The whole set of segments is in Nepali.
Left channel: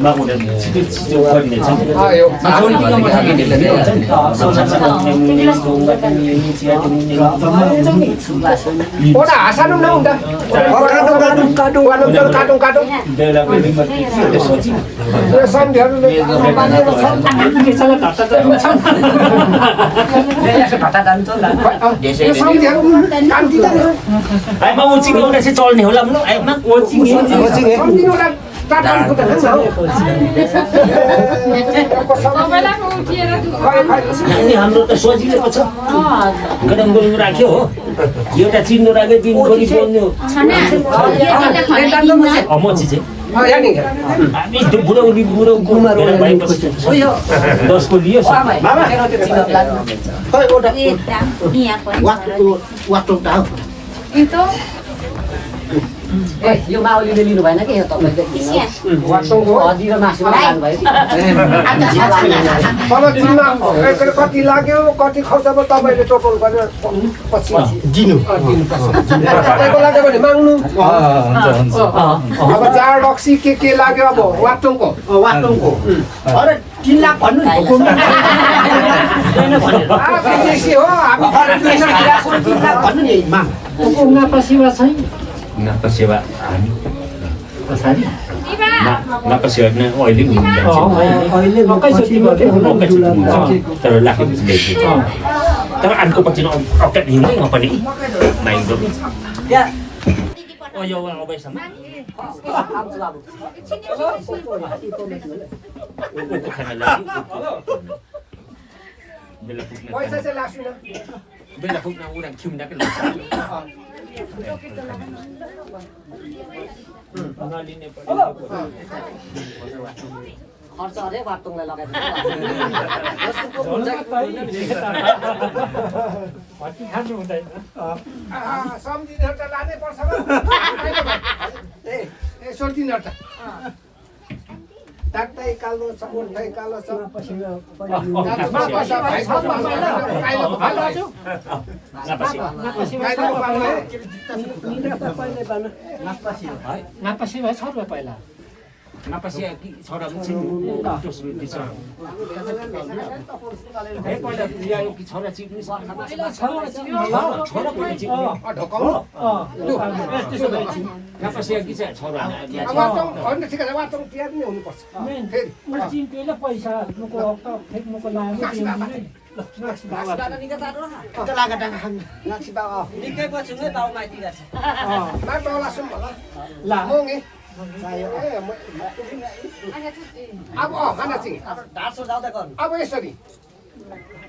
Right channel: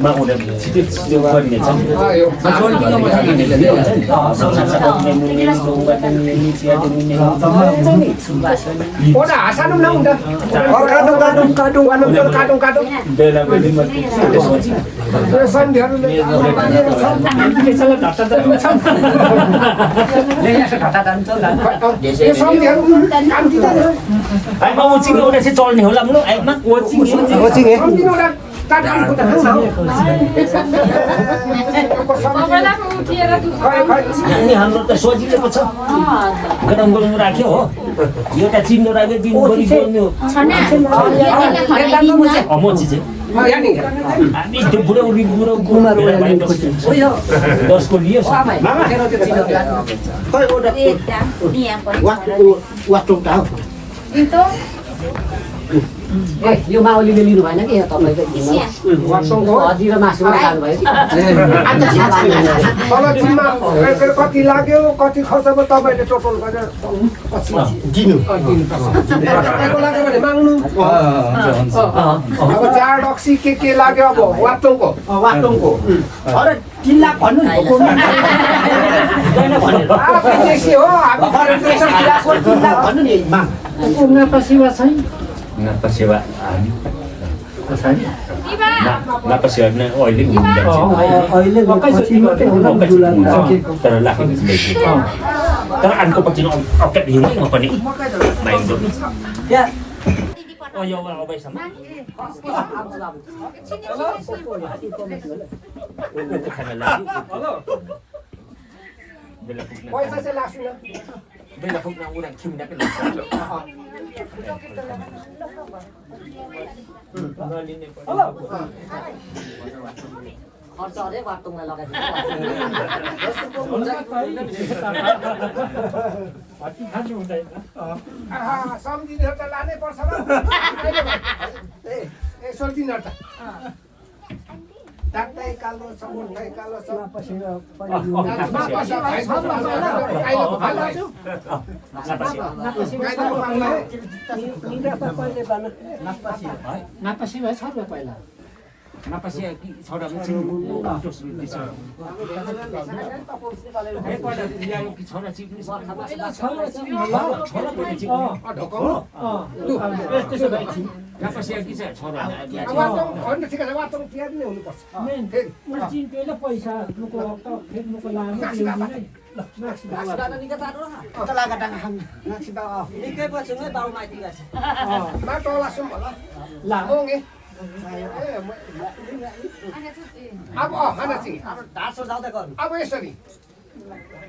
막 오늘 지도 거리네 참. 아 좋은 거 뭐 하게 되는데. 성산사도 때문에 동 같은 일 지가 때문에 굉장히 수고하시니. 오늘 아사는 나온다. 가동. 내가 왜 맞지? 소지. 그래서 되는데. 괜찮아 답답하다 참. 내가 갖다 단절라. ये समझ्याउ काम दिदैन ai mà một chính ông sẽ cho nhiều lắm lúc ai mắc một chính सम्झिनुलाई काटाउनुको त अनि हाम्रो त सोचिएको छ गरम बोल्नु राख्यो हो एउटा चिन्नु राख्यो दिनभरि बोल्नु मोची चाहिँ हामी त्यो बुढो कुमार दसको लियो यो माओलीले लिनु भएन कि यो तपाईँको हजिरो मासुमा खानुभयो कति लाग्यो कति खर्च भयो तपाईँले टोटल गरेर पछि तपाईँको लाग्यो भने माग्नु अब चार रक्सी के लाग्यो अब वाटोङको अरे 3 लाख भन्नु नि हो भन्नु नि Napa sewa ani? Napa sewa na oiling hindi Pero laki mo sila ito. Pero an ko pag sinokap yun nga pa ni main do. Ya. O yo wa obay sama. Ito kana lagi. Bela pug na. पैसा चाहिँ लाग्छ न Bela pug na urang kim na kana. खर्च अरे वाटोङलाई लगाएको सम्झिनेहरू त लानै पर्छ यसो दिनु त डाक्टै कालो छ उठै कालो छ नापासी भए छ रुपियाँ पहिला Napasya छोरा पनि दोस्रो दिन्छ ए पहिला ल्यायो कि छोरा चिक्नु छोरा पनि चिक्नु त्यसो भए napasya कि चाहिँ छोरा होइन ठिकै छ वाटो तिहार नै हुनुपर्छ चिन्टुले पैसा मुको फेक्नुको लागि निकै पछि नै बाउ माइती गर्छ माटो लासौँ होला मोङ्गे अब खाना चाहिँ अब यसरी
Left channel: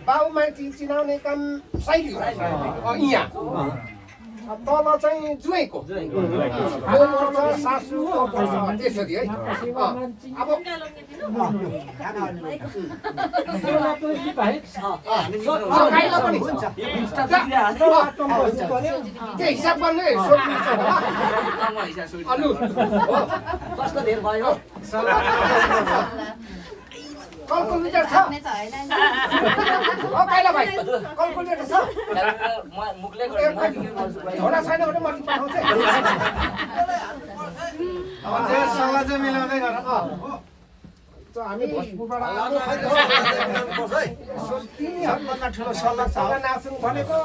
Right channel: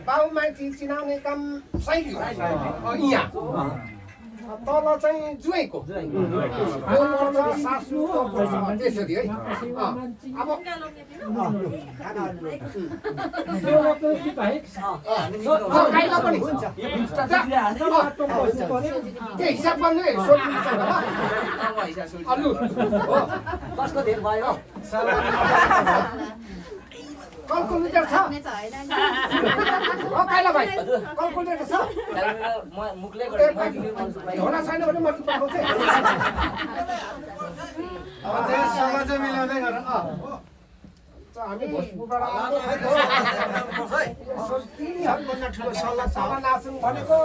बाउ माइती चिनाउने काम शैली हो यहाँ तल चाहिँ जुवाइँको सासु त्यसरी है अब पनि हुन्छ त्यो हिसाब गर्ने कसको धेर भयो क्यालकुलेटर छ काइला भाइ क्यालकुलेटर छ मुखले झोला छैन भने म पठाउँछु सल्लाह चाहिँ मिलाउँदै गर हामी भोजपुरबाट ठुलो सल्लाह नाच्नु भनेको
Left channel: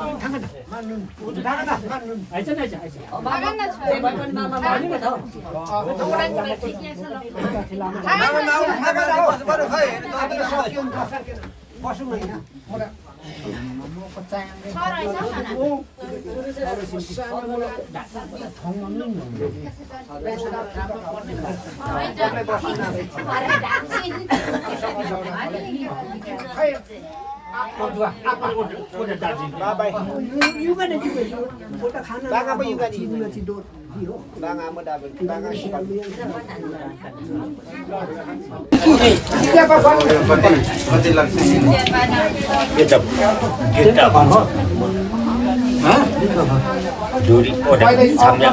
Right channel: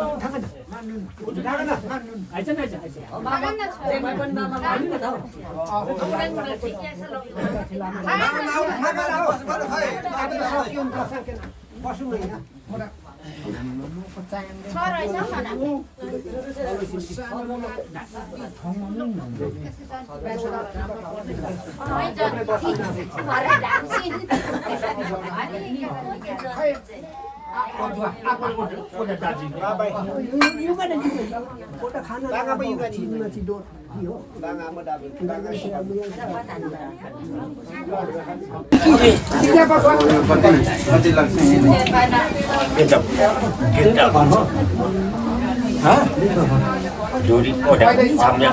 Duri udah sambil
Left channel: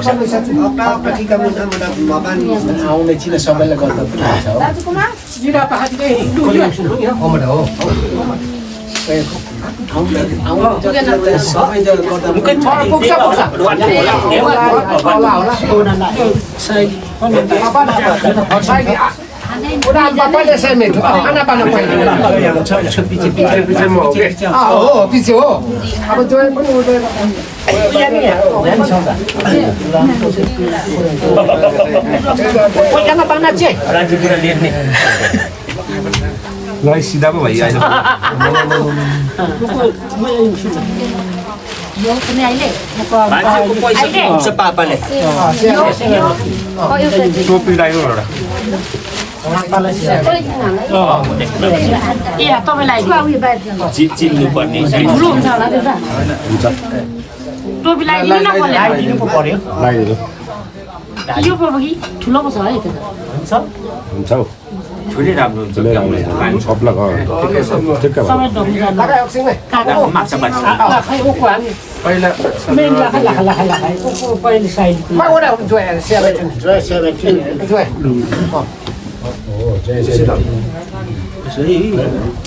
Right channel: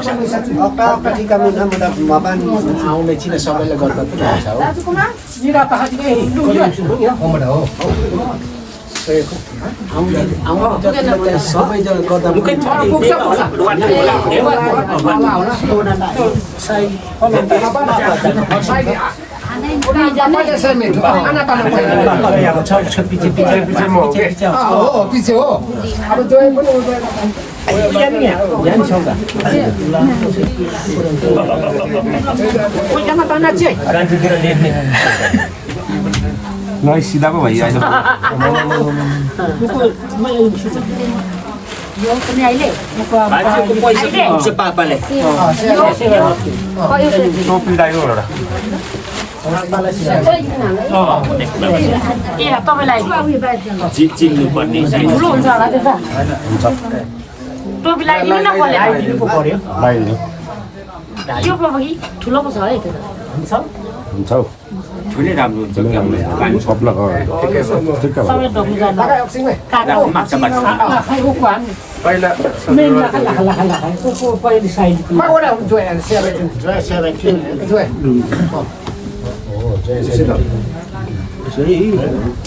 आउने चिना सबैलाई गल्प Nói xí đá vậy ai đâu. Topi đây rồi. टोपी लगाइदिनु न कसले यो पो कि ठुलो पो छ है त्यो त हुन्छ हौ ठुलै राम्रो हुन्छ सबला ठिक्क भयो सबै ढोक्नु जानु काका माछा माछा पहिला मेन लाखा को पहिले साइड मा ओडा जोय 17 जोय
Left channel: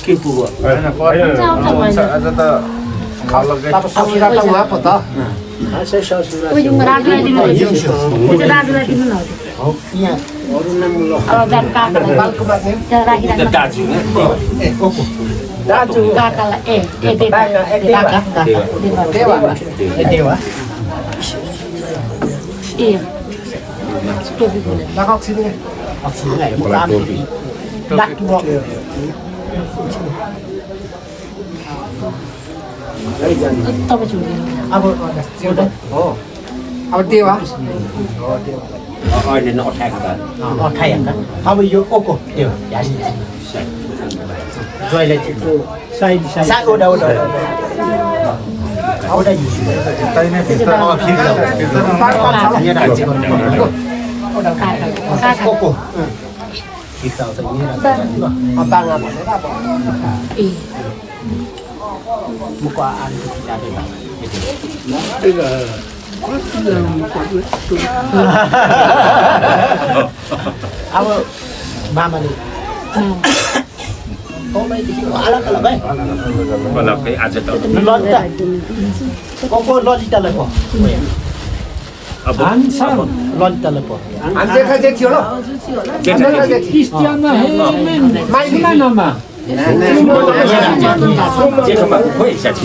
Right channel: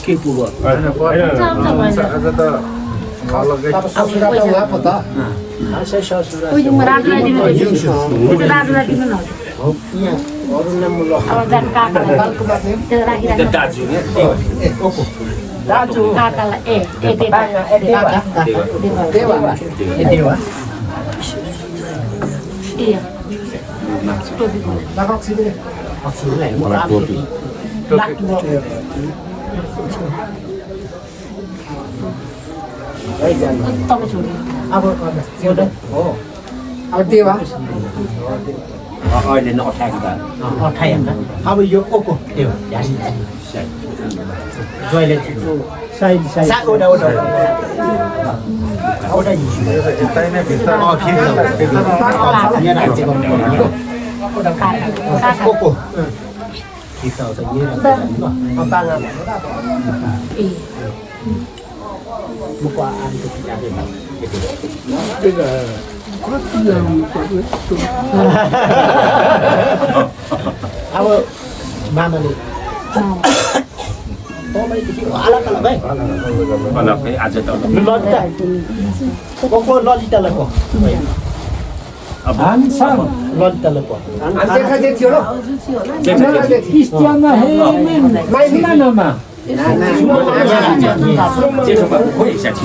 के पुग्यो आज त खालकै रातलाई दिनु रातलाई दिनु न अब जान काकालाई दाजु काकालाई ए टोपी तपाईँ छोड्नु अब देवा अहिले नअठाएको त अब यो ओको त्यो जोइले साइड ओडा यतै नै भित्र ओको मुको आएको अब मामाले आज त ललिता को ललितालाई पो अब ललितालाई पो देखा देखियो ल क्रिस्टियानमा माइलिनमा जेठोमा खोइ साथी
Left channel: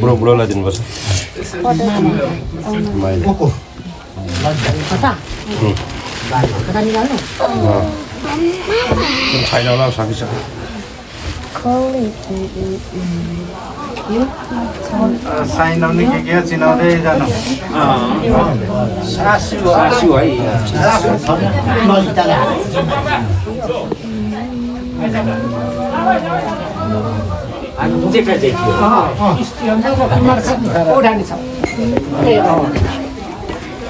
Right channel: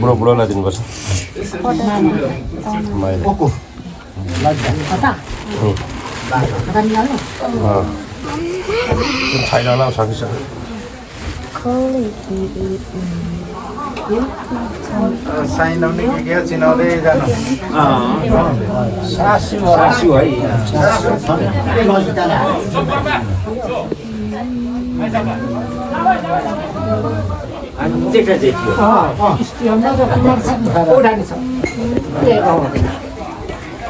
बुढो बुढोलाई दिनुपर्छ छैन होला सकिसक्यो साइनाउने के चिनाउँदै जानु सासु है जेठा जेठी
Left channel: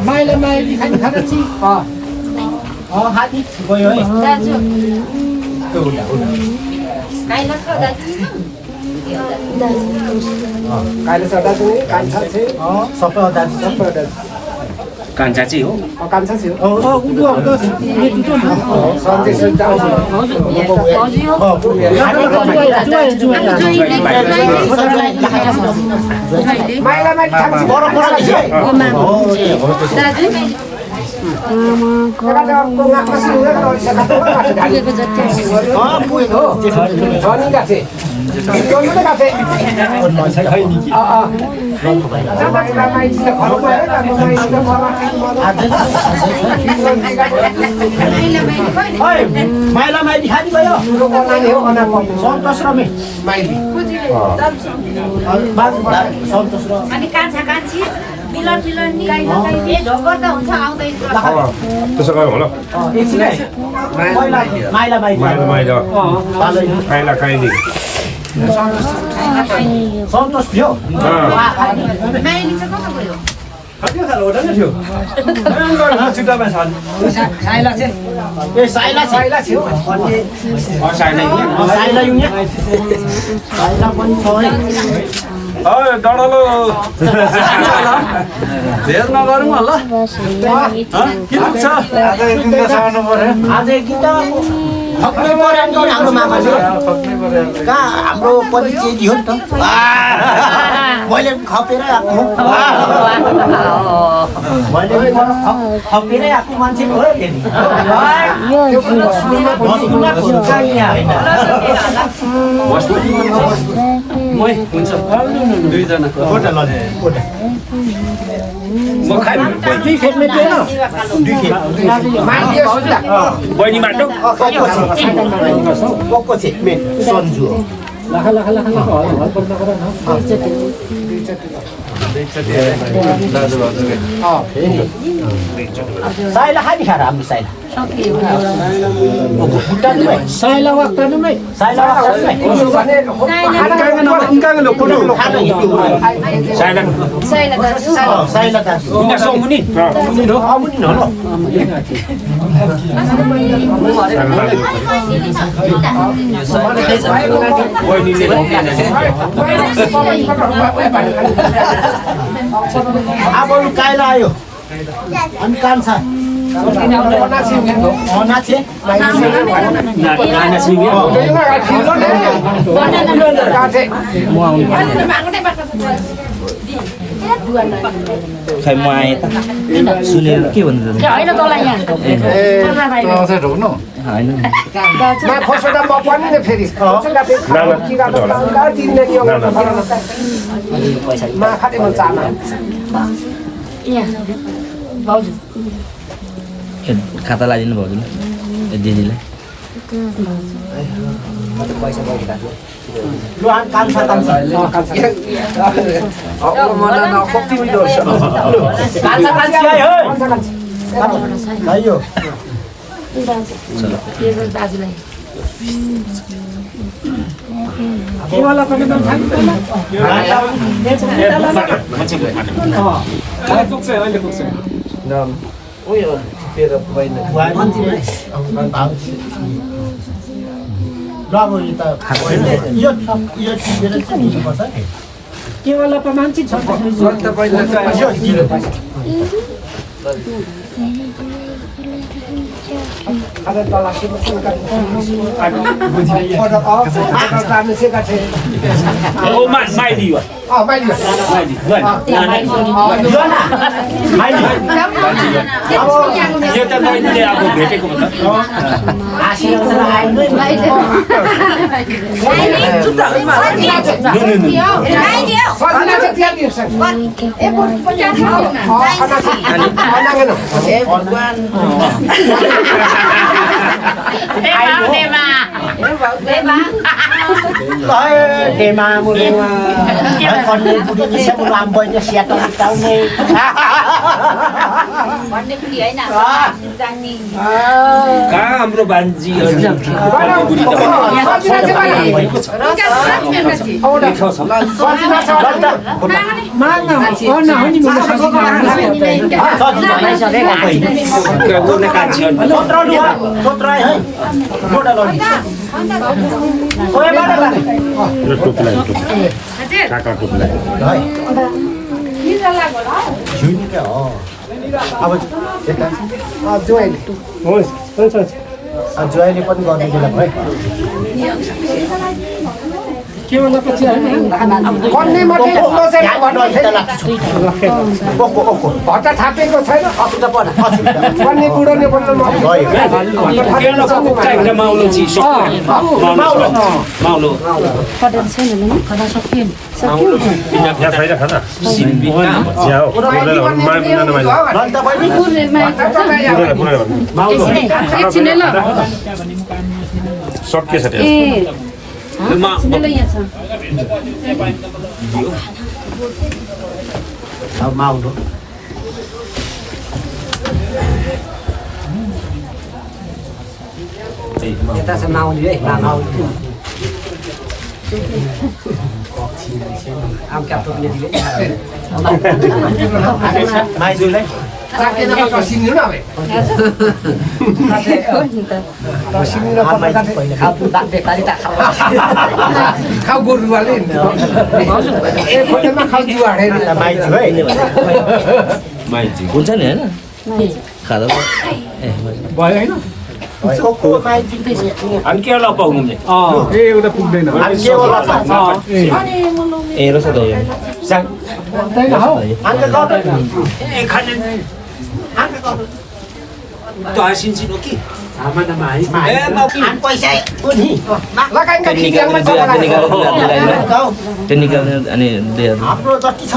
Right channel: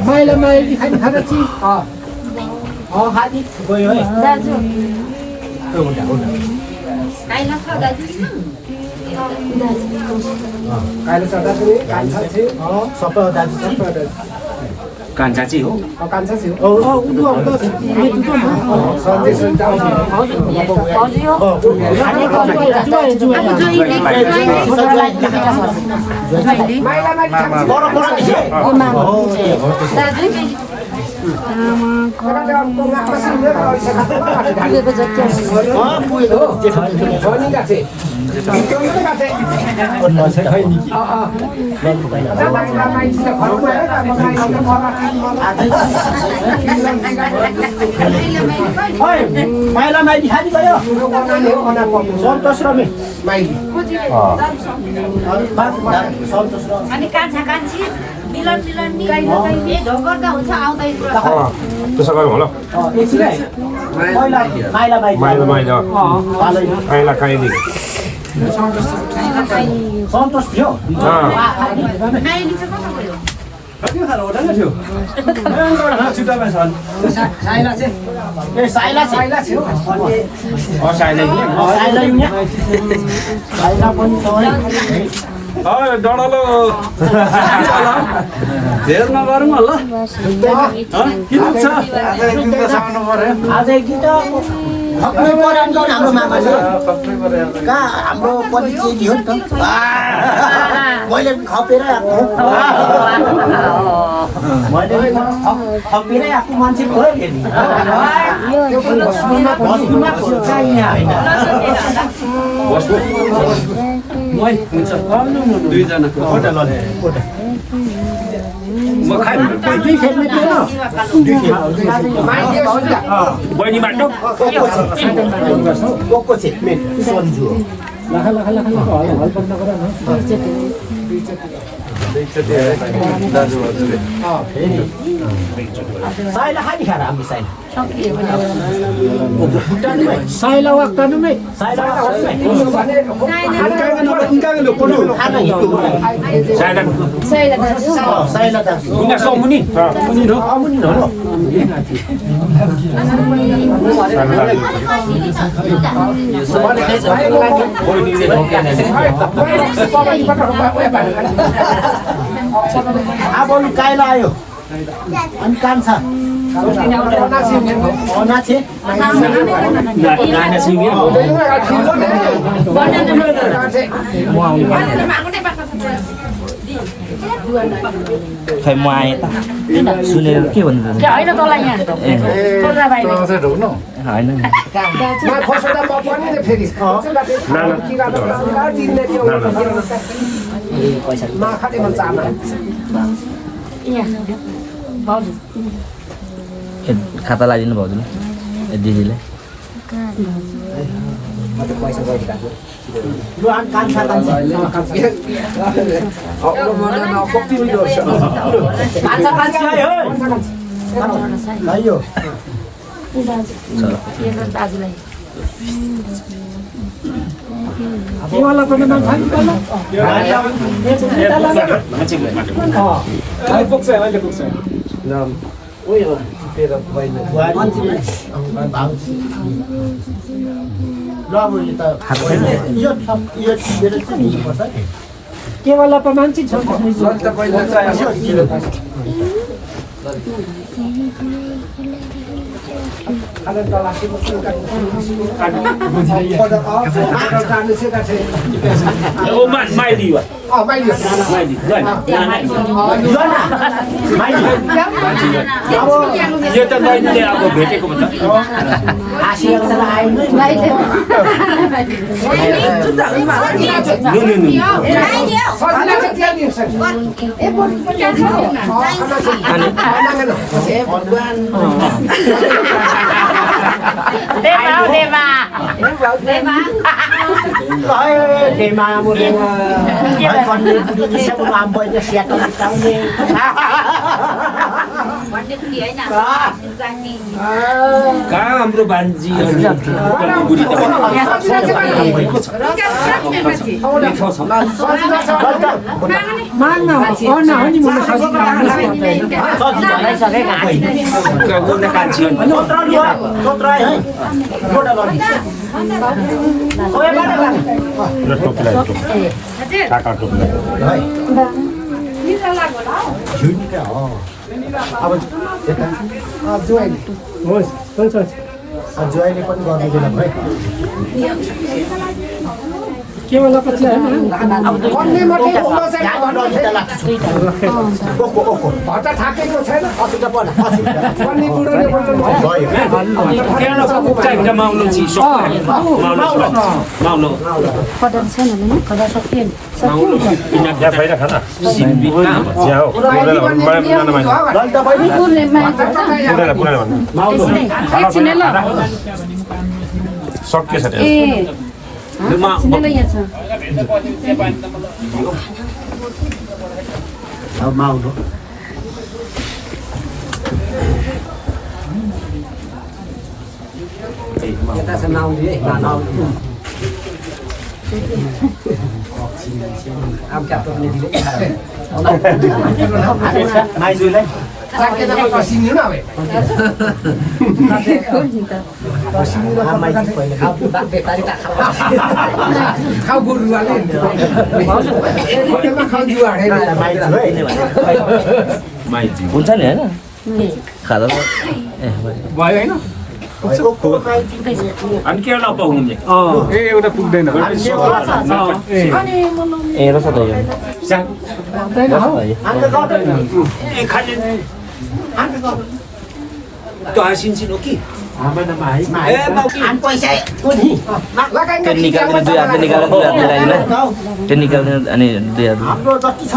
माइला माइली खाने छि हाती गयो है दाजु काले सदा चाहिँ कान्छा छ सबै दाजु सबै कान्छा चाहिँ हो कान्छा छ हजुर माइला माइली खानी भयो सन्तोष र मे माइली सन्तोष र अनि कान्छा कान्छी मिलन नि ढोकर त हुन्छ आउँदै त्यसो गरौँ होला पहिला माइला माइली माइला माइला खाइला खाइली सन्तोष थियो माइली चाहिँ कता गयो साइला थियो साइला साइला पनि डढलो धेर नगरौँ ल के दुख्छ आज गीत खप्नु पर्यो हाम्रो मामाले कहाँ हाम्रो परिचय दियो नि त मैले खपेर आएको खपेरै आएको मान्छे भयो दुईजनाको म खाइ बहिनी माटो अब काइला आयो अनि कान्छा खै म आएँ सुनेर के भन्नु होइन तँलाई यहाँ भाउजू खाता लगाइदिनु भाउजूले दिदीले दाजुलाई केवल मान्छे छ यो त मैले अब भेटेको म कहाँ हाम्रो बान्जी ज्वाइँले पनि गर्ने बेला भयो केवल पछि हैन भट्टा थाकेको छैन भन्ने कुरो नै बोल्नु सकिएछ माउलो यता छ माउली है माइजूलाई साकेदामा सिङ्नु नभए सिङ्नु खाऊ गोरुवाले खोटेमा खाऊ जुवा माइती हुन्छ नि होइन खाँदा भयो होइन अनि के होला पाउनु एउटा पुग्दैन ए रस त त्यो निकाल्नु अनि हाम्रो जति छ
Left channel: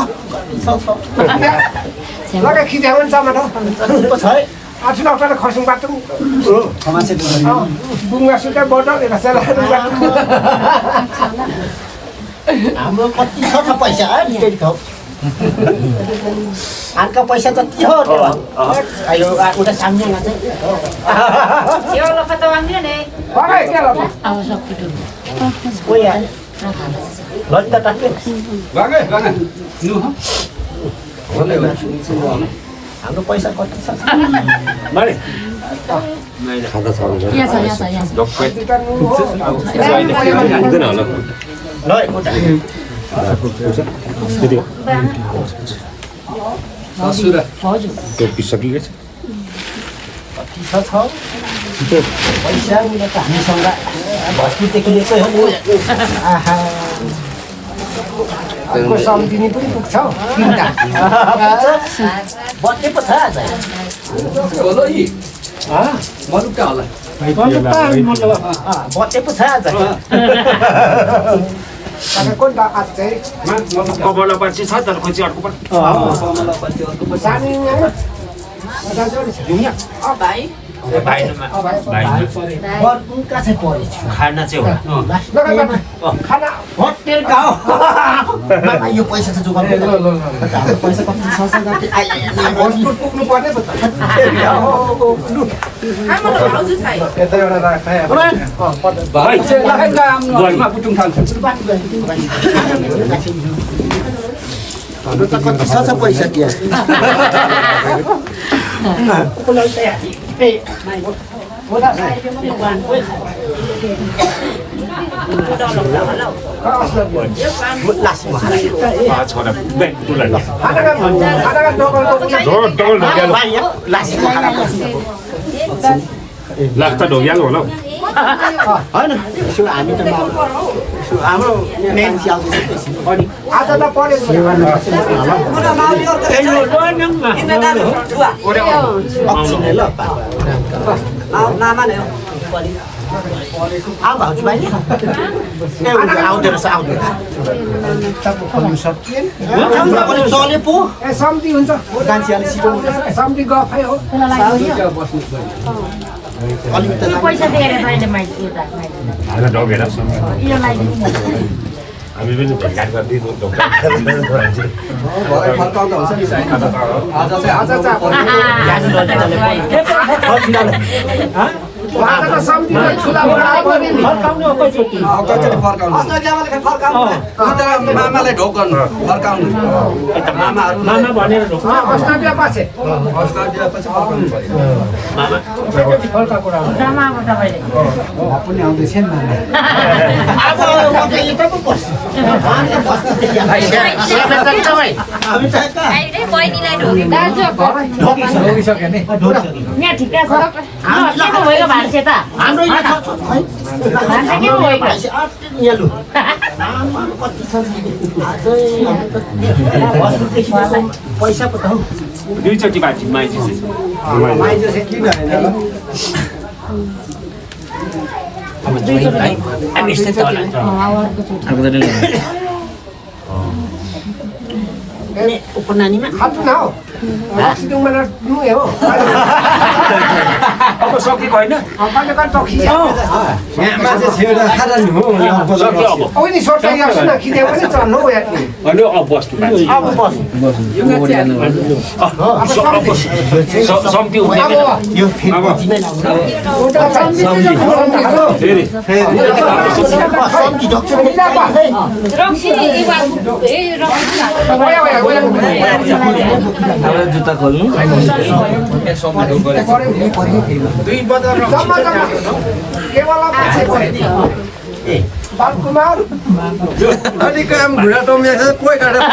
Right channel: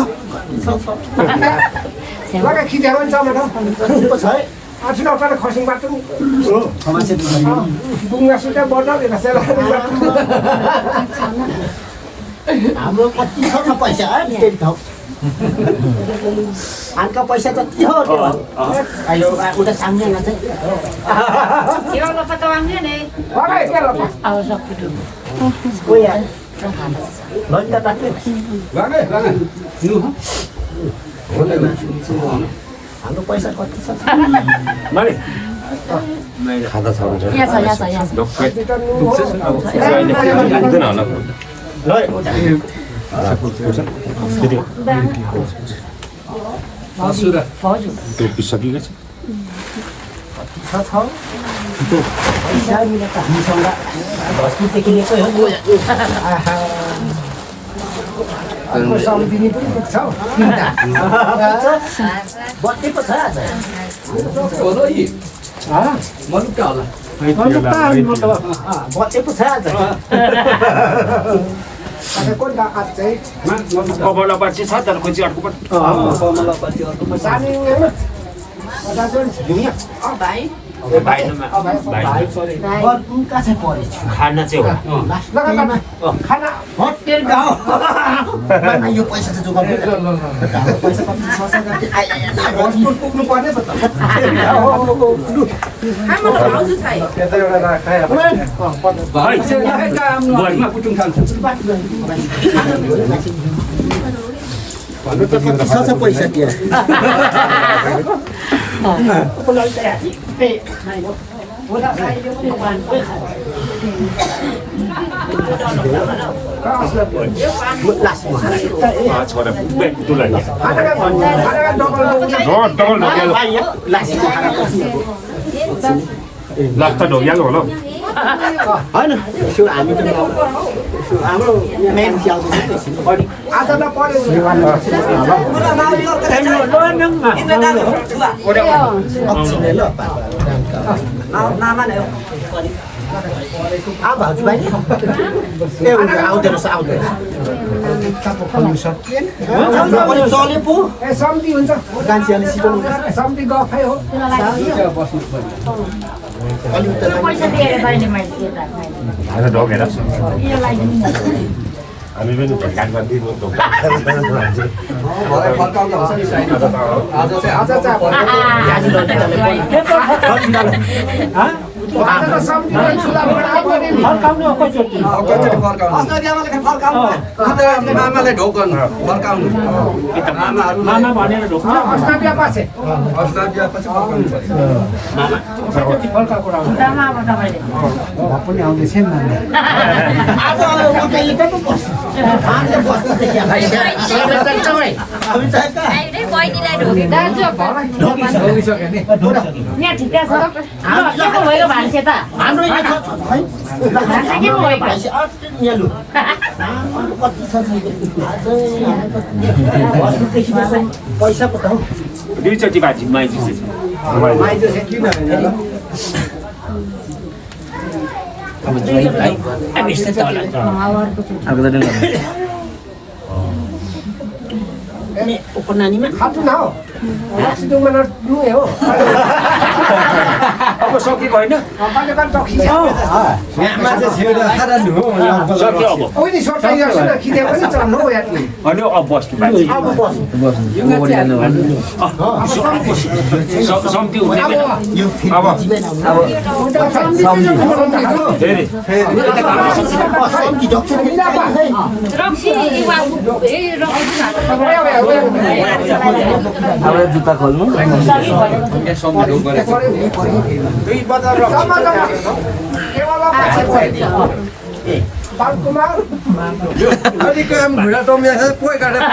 लगा खिच्याउ नि टमाटर छ है आछिन अगाडि खर्सिङ बाटो बुङ्गा सुका बजाउने रसेला हाम्रो कति छ पैसा है त्यही ठाउँ आनका पैसा जति हो त्यो अहिले उता सामनेमा चाहिँ Yo lo fa tawang yan eh. पकाइ के लगा कोही आयो लट्टा टाक्यो लगा लगा हाम्रो पैसा कति छ मारे यहाँ छ डक्टर ल त्यो पिसकिएको छ छ पैसा मिले त हामीसँग भस्तीदेखि लिएकै हो आहा अर्को सम्झिनी पनि पुग्छ बत्ती पो छ आज बत्ती पो छ आज कोही आज चाहिँ कबरला पार्टी छ तर खोजी अर्को पनि सानी बर्कुका चाहिँ परेछु खाना चाहिँ होला खाना होटेल गाउँ यो पैसा चाहिँ जोगाउनु पैसा कति छ वस्तु पुग्नु पर्ने पो त Kamu lo mau susah. यता एउटा राखाय भाइ हाम्रो त कति छ पैसा त्यहाँ छोरा बेटुलाई लाग्छ ढोग्यालो होला होइन यसो हामी त हाम्रो मेन च्याउँदैछ आज त पऱ्यो भाउजू भाइ आउँदो रहेछ चले पो ए सम्झी हुन्छ गान्छीले सिकाउनु सम्झी गफै हो अलिकति पैसा दिएर मैले मैले खाना ढोगेर यो लागि हामी पनि भ्याट गरिदिनु मामा भनेर ढोक ड्रामामा तपाईँले पनि आउँदैछ नि लगिसक्यो नि यहाँ ठिकै छ के पो भएको भान्से त हाम्रो भान्से के पो भएको पैसा पो त हौ दुईचोटि बाजी माइजी माइजो चाहिँ किन अब यस्तै त होला अर्को त उपनानीमा खानु न हौ सिटुङमा नुए हो अब सकेको होइन सक्यो अब नि सोचा न खिदे पनि चढ्नु हो यार होइन अब बस्नु बाजी अब बस सम्ति हुँदैन यो फेरि रक्सी रक्सी अब जुत्ता खोल्नु दुई बजार जम्मा केवल बालकुमार अनि काम घुरा टोमिया छ कोही काटेर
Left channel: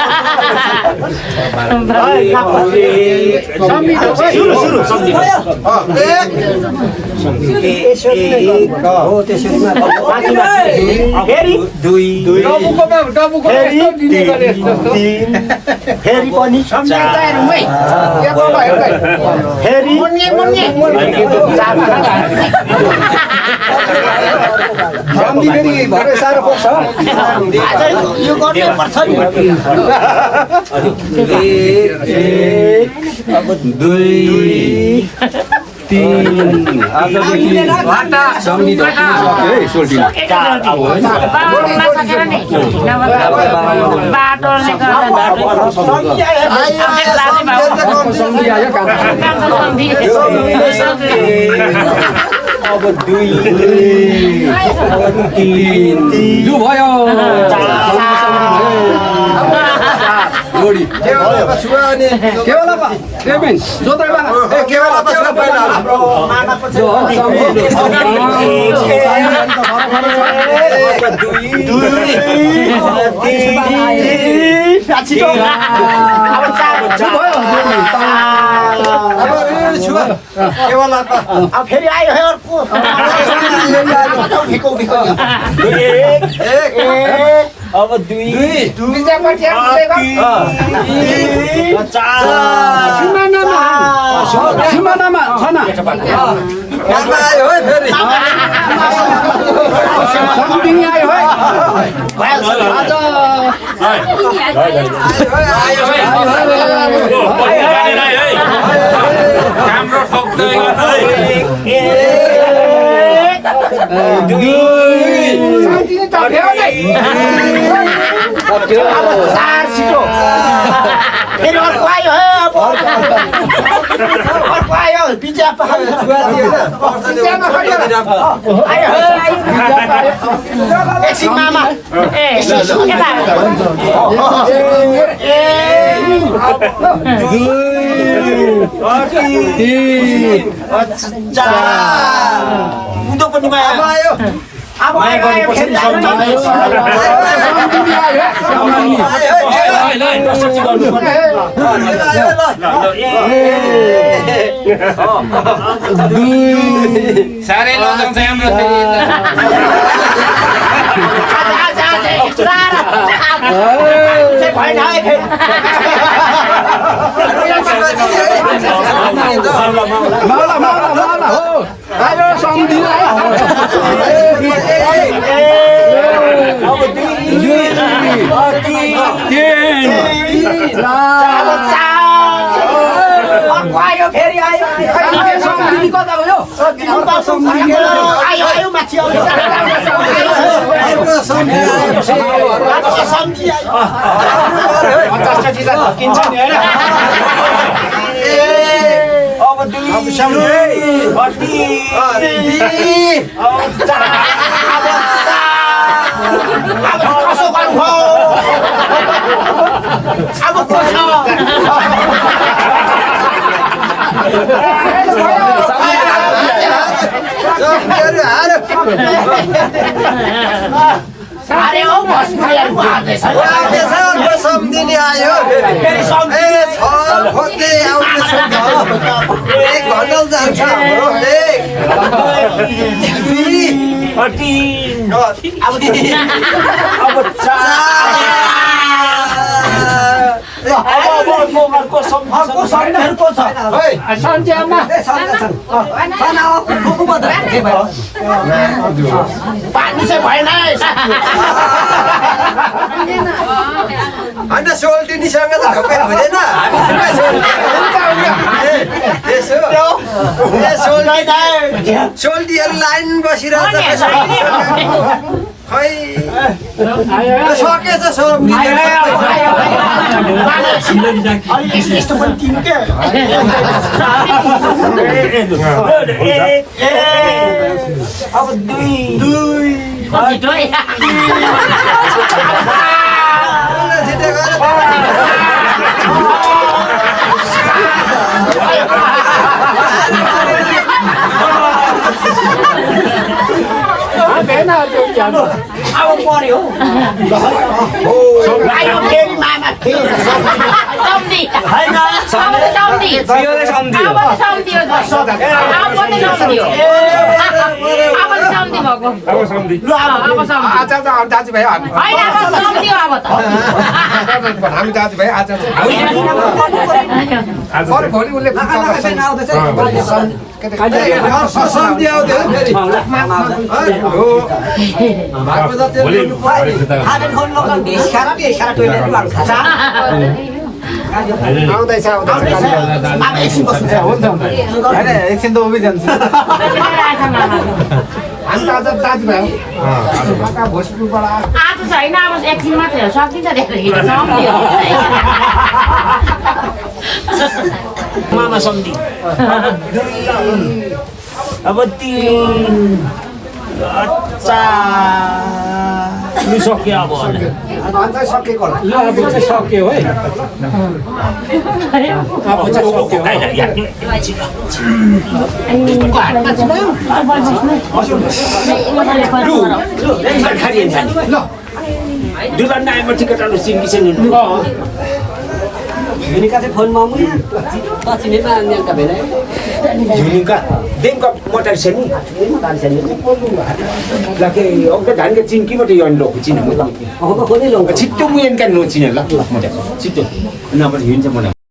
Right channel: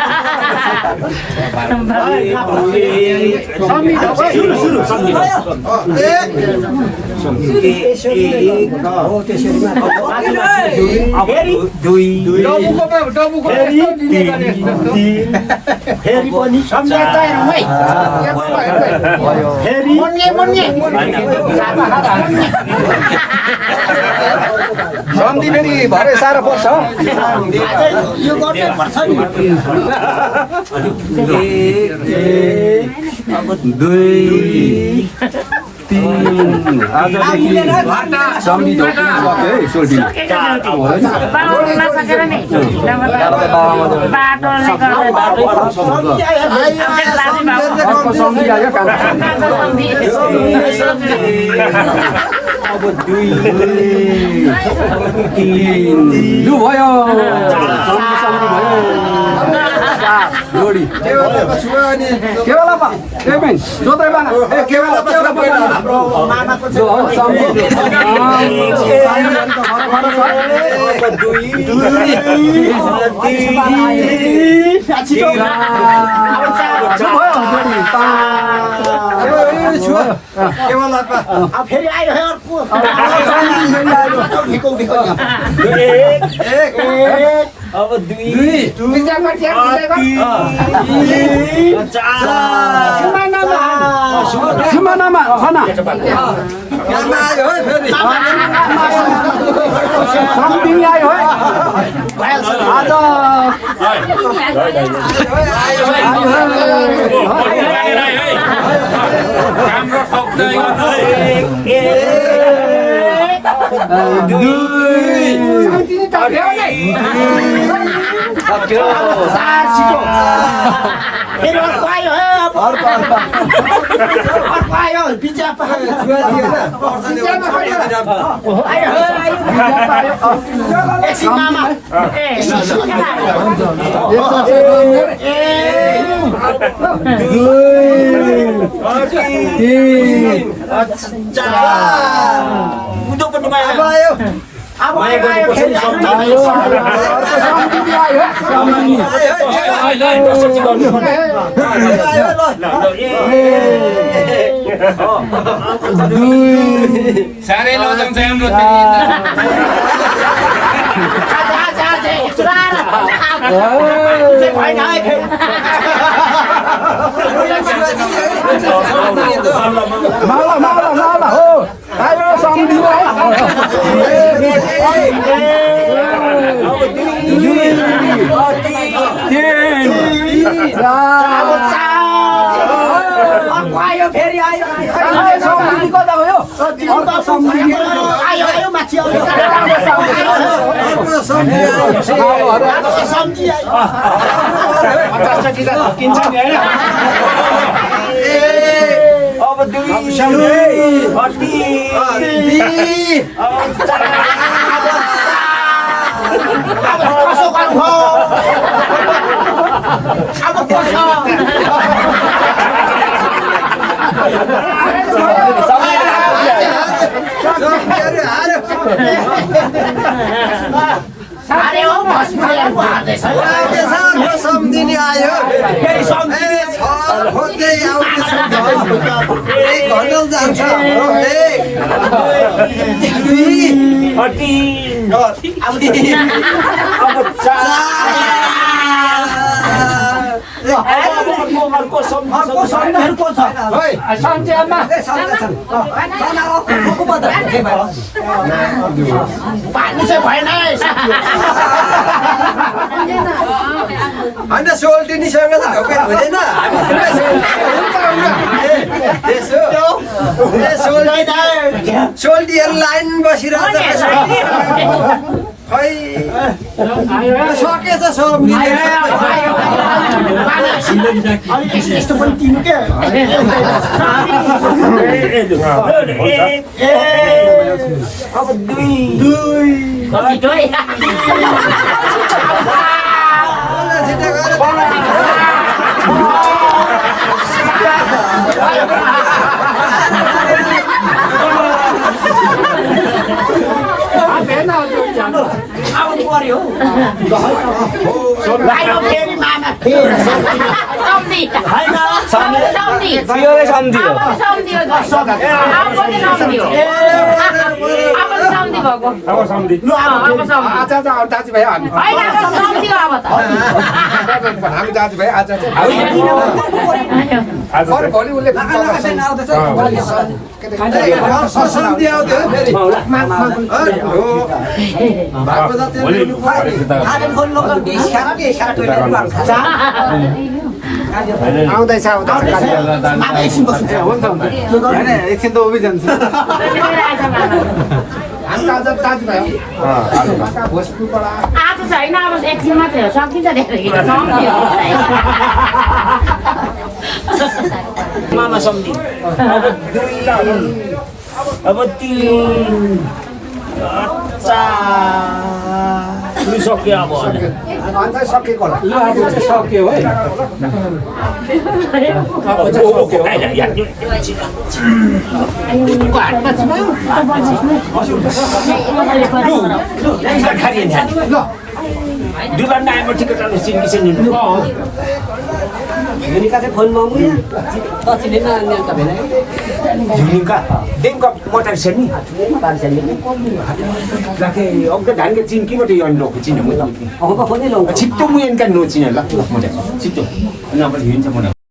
साह्रो पर्छ यो गर्नै पर्छ नि अब 2 3 आजदेखि सम्धि ढोक्नु सक्यो है सोल्टिन बाटोले सम्धि आयो अब 2 अब 3 लु भयो सम्धि भयो जोडी केवलमा छुवा अनि केवलमा पेमेन्ट जोतै बाना ए केवलमा छुवा पहिला हाम्रो मामाको जो सम्धि अब फेरि आयो है अर्को अब 2 सिमानामा छना आयो है फेरि सम्धि आयो है फेरि अर्को आयो है अब अर्को आयो पिज्जा एकछिन मामा उँधो पनि आयो अब साह्रै लजाउँछ हाम्रो माला माला माला हो आयो सम्धि आयो फेरि आयो सम्धि कता गयो आयो आयो माथि आयो सम्झी आयो किन्छ नि हैन अब 2 अरे हो भस्मुरीहरुको आदेश है सम्धिनी आयो फेरि सम्झी खोज्दै आउँदैछु एक घन्टा जान्छ हाम्रो अर्को सम्झीहरुको छ पानी चाहिँ भएन अन्त सोल्टिनीसँग त ढोकेर हुँदैन सोल्टीहरू लाइन बसिरहेछ खै सकेछ सब यस्तो पनि तिन के अब 2 छिटो अब पर्यो आयो फेरि मामा फेरि सम्धि होइन सम्धि फेरि सम्झियो अब सम्धि हो अब सम्धि भएको अब सम्धि अब सम्धि आज दाजुभाइ हामी होइन अब सम्धि हो अब त हामी दाजुभाइ आज चाहिँ आज अरू भोलि उसले भोलि आउँदैछ मामा एकछिन बस्नु होइन एकछिन त उभि जान्छ हामी आज दाजुभाइ हो भोजपुरबाट आज छैन अब एकछिन मात्रै हो सकिन्छ त्यहाँदेखि सम्धि हो मामा सम्धि अब 3 4 लु सक्यो अब अन्त सकेको होला ल अब चाहिँ सक्यो है युनिका चाहिँ फोन मागौँ यहाँ पछि नै नानीका भेला Junika, dem kau motor seni. Laki, orang tu dah ke cinki macam yang lok cina muda. Apa kau ni long? Cipto mu yang kan no cina lah, muda. Cipto. Nama dia macam mana?